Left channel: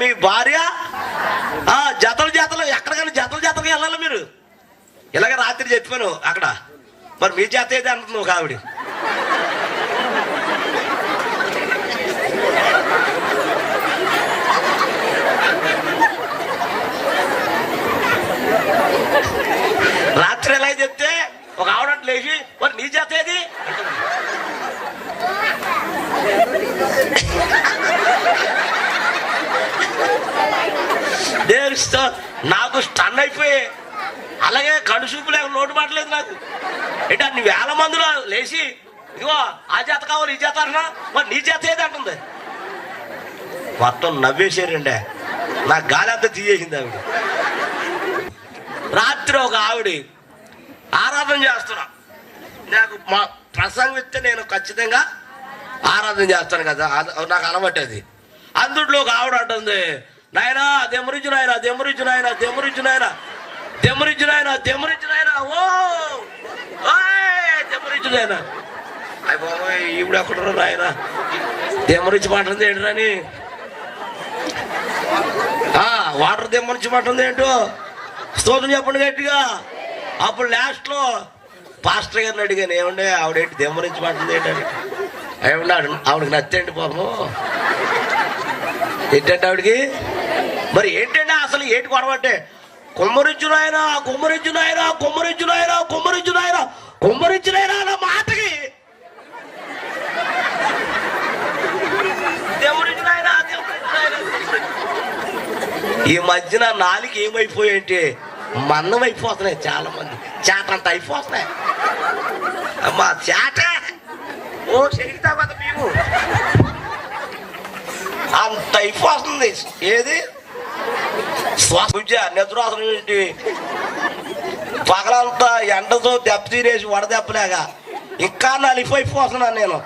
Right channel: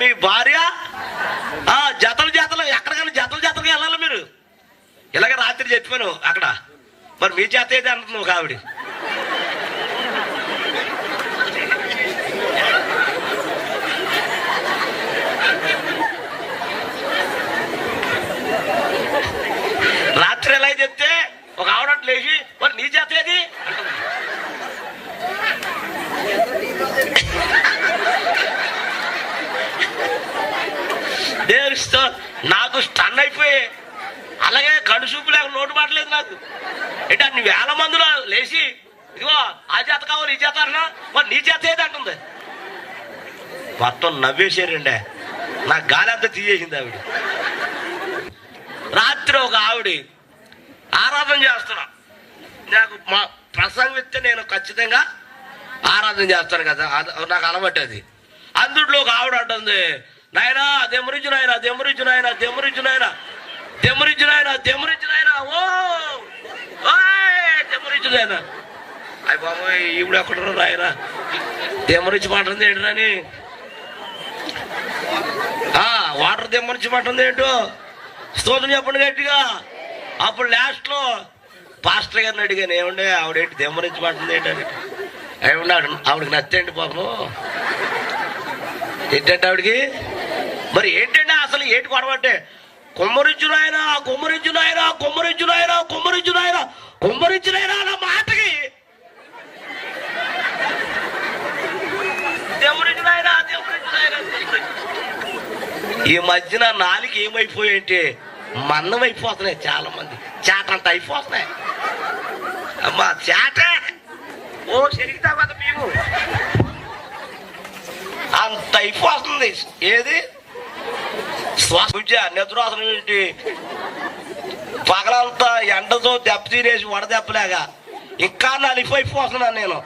మీ భార్య జతలు జతలు ఎక్కడికైనా జతలు జతలుగా వెళ్ళాలి మీరు. ఇలాగ రాత్రి చెప్పాను అక్కడ, మరి మీ చేత ఏది అంటుంది ఒక ఆవిడ. రాత్రి ఎలా చెప్తే ఒక ఆవిడ లేచి మరి నీ చేత ఏది నాకు స్టన్ అయిపోయి, అలాగే కళ్ళు చూపు లేక నోటు మాటలేదు నాకు. అంటే అన్ని వేల మందిలో లేచి ఇదిగో ఆ చేత కావాలి ఈ చేత అన్నా మరి నీ చేత ఏది అంటుంది. మొత్తం నవ్వేసారండి, నాకు గాలి అంతా తీసేసింది ఆవిడ. రాత్రి ఒక ఆవిడ ఆరాధన చేస్తున్నా, నాకు మా ప్రసంగం ఇస్తే నేను ఖచ్చితంగా ఆరాధన చేస్తాను కదా, నాకు అలవాటు అది. అందుట్లో ఒక ఆవిడ అంటుంది, నాయనా దెమ్మరించి నాయన దెమ్మరించి నాయన దెమ్మరించి నాయన దెమ్మరించి నాయన దెమ్మరించి నాయన ఓ దెమ్మరించి నాయన. అయ్యి బాబోయ్ ఈవిడ ఎక్కడున్నారు నాయన దెమ్మరించి మాట్లాడింది ఏంటని, వాటర్ దెమ్మరించి మాట్లాడింది ఏంటో స్తోత్రం చెప్పండి గట్టిగా. అప్పుడు లాస్ట్ లో పాస్టర్ గారిని అడిగాను, ఏమండే ఆవిడేంటి దెమ్మరించి మాట్లాడింది ఏంటని. ఏమన్నాడు ఆవిడకి నచ్చండి పాపం. ఏంటంటే ఆవిడకి మరి ఏంటంటే అసలు ఏంటి గొడవ అంటే, కుమ్మరించునాయన కుమ్మరించునాయన కుమ్మరించునాయన కుమ్మరించునాయన కుమ్మరించునాయన అన్న మాటకి ఈ మధ్యన నాలుగు ఏమైపోయాయంటే మన్నం అయిపోతున్నాయి, చాలా మంది చేటంత అయిపోతున్నాయి. అమ్మా చేట ఓ శరీతా కదా మేము అంత అయిపోతుంది. ఏది శ్వాస నిద్రాసనం ఏంటి, పగలంతా ఎండతో దెబ్బ తినేసి వడదెబ్బలేగా ఇంకా నలిపోయిపోతున్నాను నేను.